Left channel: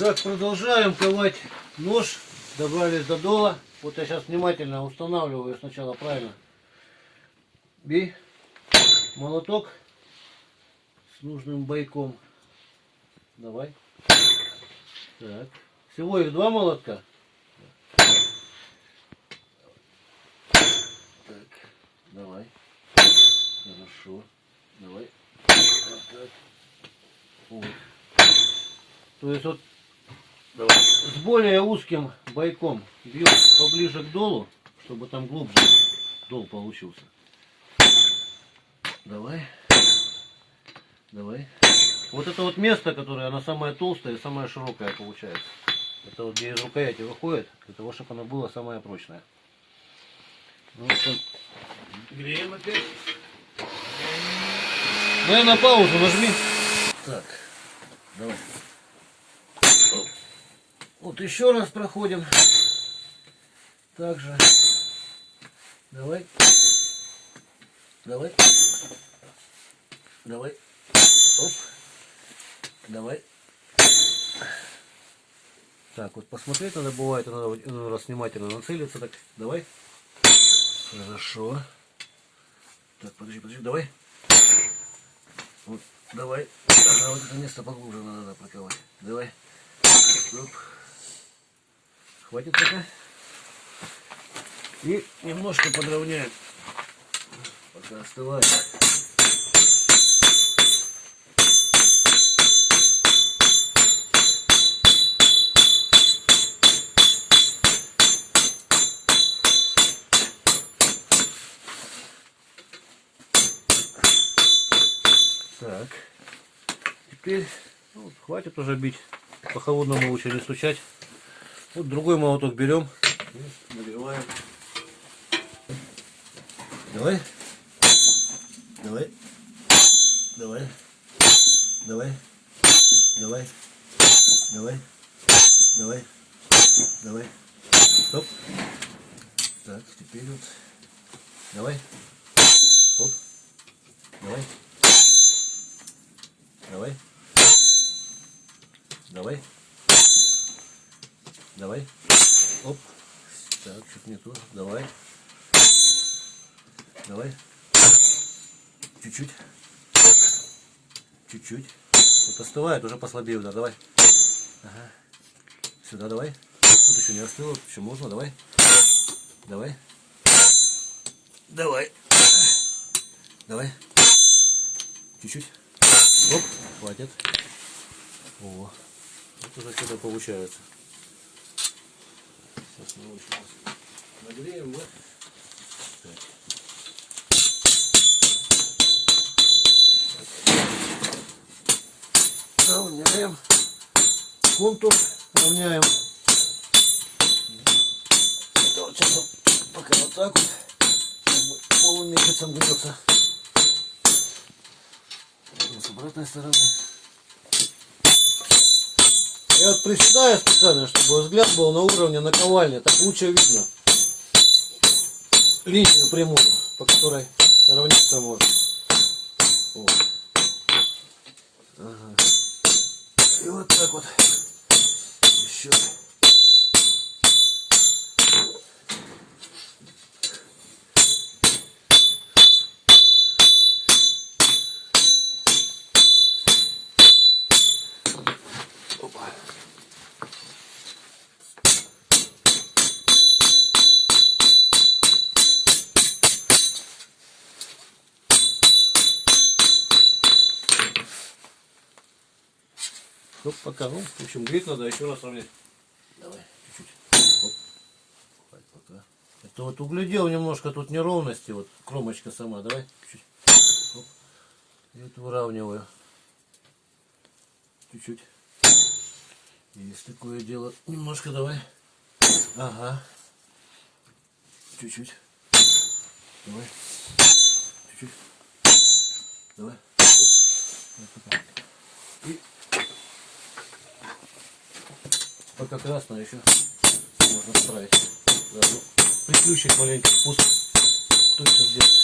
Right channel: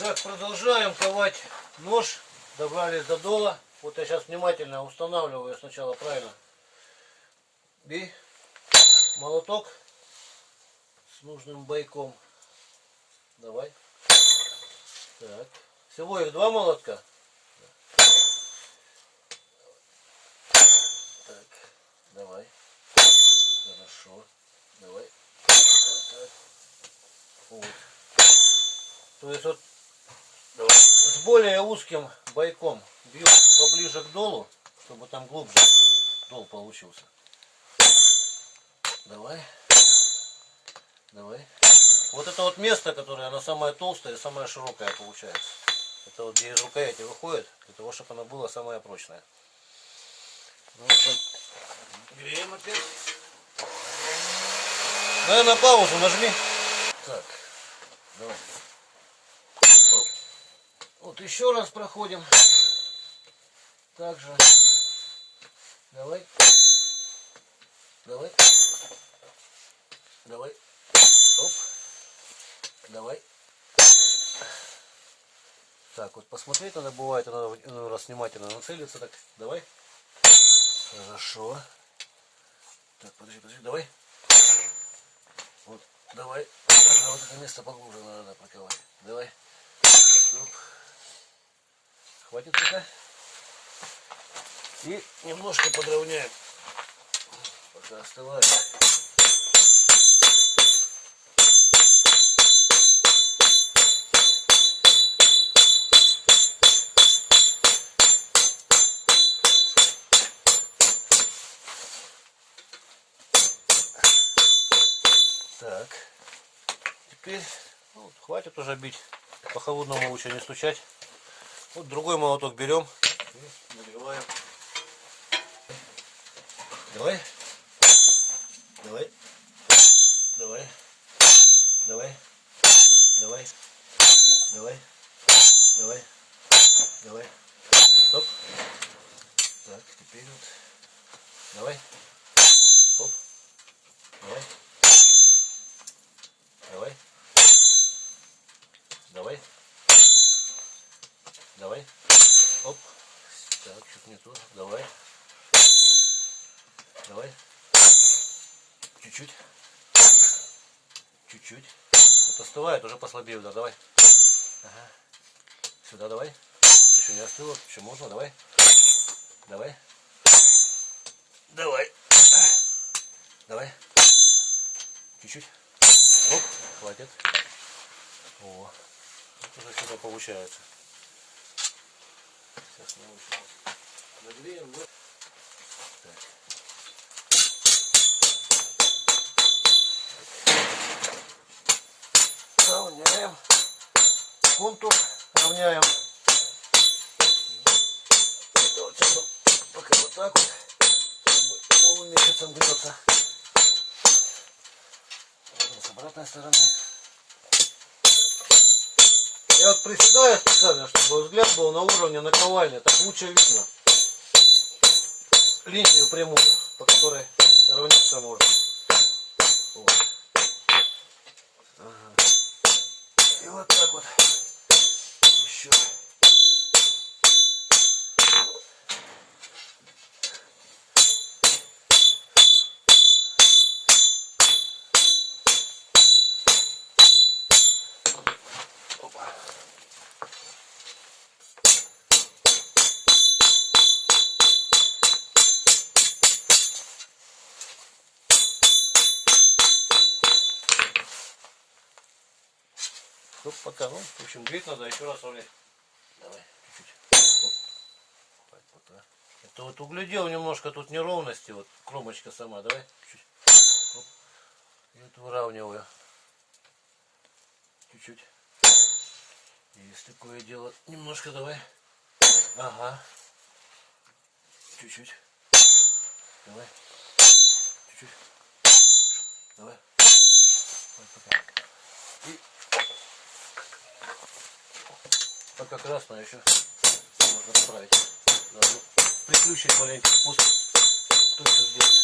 Так, продолжаем ковать нож. Добрались до дола. Вот я сейчас внимательно устанавливаю сначала правильно. Бей. Молоток с нужным бойком. Давай. Так. Всего их 2 молотка. Так. Давай. Хорошо. Давай. Вот так. Вот. То есть вот давай. С более узким бойком бью поближе к долу, чтобы там глубже дол получился. Давай. Давай. Вот это вот место, которое оно самое толстое и самое широкое получается. Это вот где из рукояти выходит, для того, чтобы оно было самое прочное. Ну, вот греем опять. Дай на паузу нажми. Так, давай. Вот еще раз проходим. Также. Давай. Давай. Давай. Оп. Давай. Так, вот посмотреть надо бывает, надо иной раз внимательно нацелиться. Так, давай. Хорошо. Так, подожди, давай. Вот, давай. Ага, вот это место поглубже надо проковать. Давай. Оп. Хватит пока. И немножко подровняем. Пока остывает. Так. Теперь ну, хватит уже бить. По холодному лучше не стучать. Вот другой молоток берем и нагреваем. Давай. Давай. Давай. Давай. Давай. Давай. Давай. Давай. Стоп. Так, теперь вот. Давай. Оп. Давай. Давай. Давай. Давай. Оп. Так, чуть не то. Давай. Давай. Чуть-чуть. Чуть-чуть. Вот остывает, уже послабее удар. Давай. Ага. Сюда давай. Тут еще не остыло. Еще можно. Давай. Давай. Давай. Давай. Чуть-чуть. Оп. Хватит. О. Вот уже что-то получается. Сейчас мы его нагреем, да? Равняем. Контур равняем. Это вот сейчас вот пока вот так вот. Полумесяцем берется. С обратной стороны. Я вот приседаю специально, чтобы взгляд был на уровне наковальни. Так лучше видно линию прямую, по которой равниться можно. Вот. Ага. И вот так вот. Еще. Опа. Оп, пока, ну, в общем, греть надо еще раз равнять. Давай, чуть-чуть. Оп. Пока. Это вот углядел немножко тут неровности, вот кромочка сама, давай, чуть-чуть. Оп. И вот выравниваю. Чуть-чуть. Есть такое дело. Немножко давай. Ага. Чуть-чуть. Давай. Чуть-чуть. Давай. Оп. Пока. И пока красное еще можно справить. Да, ну, приключить маленький спуск. Только здесь.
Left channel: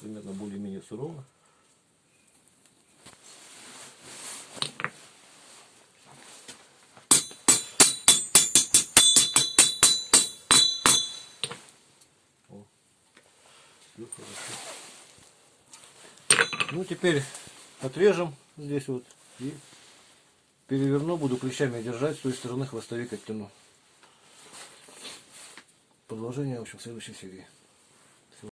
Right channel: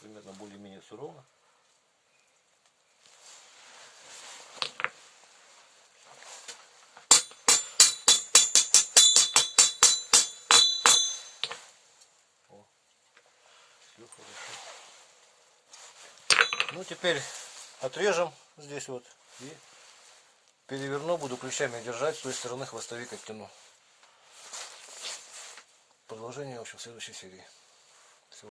примерно более-менее сурово. О, все хорошо. Ну теперь отрежем здесь вот и переверну, буду клещами держать, с той стороны хвостовик оттяну. Продолжение, в общем, в следующей серии.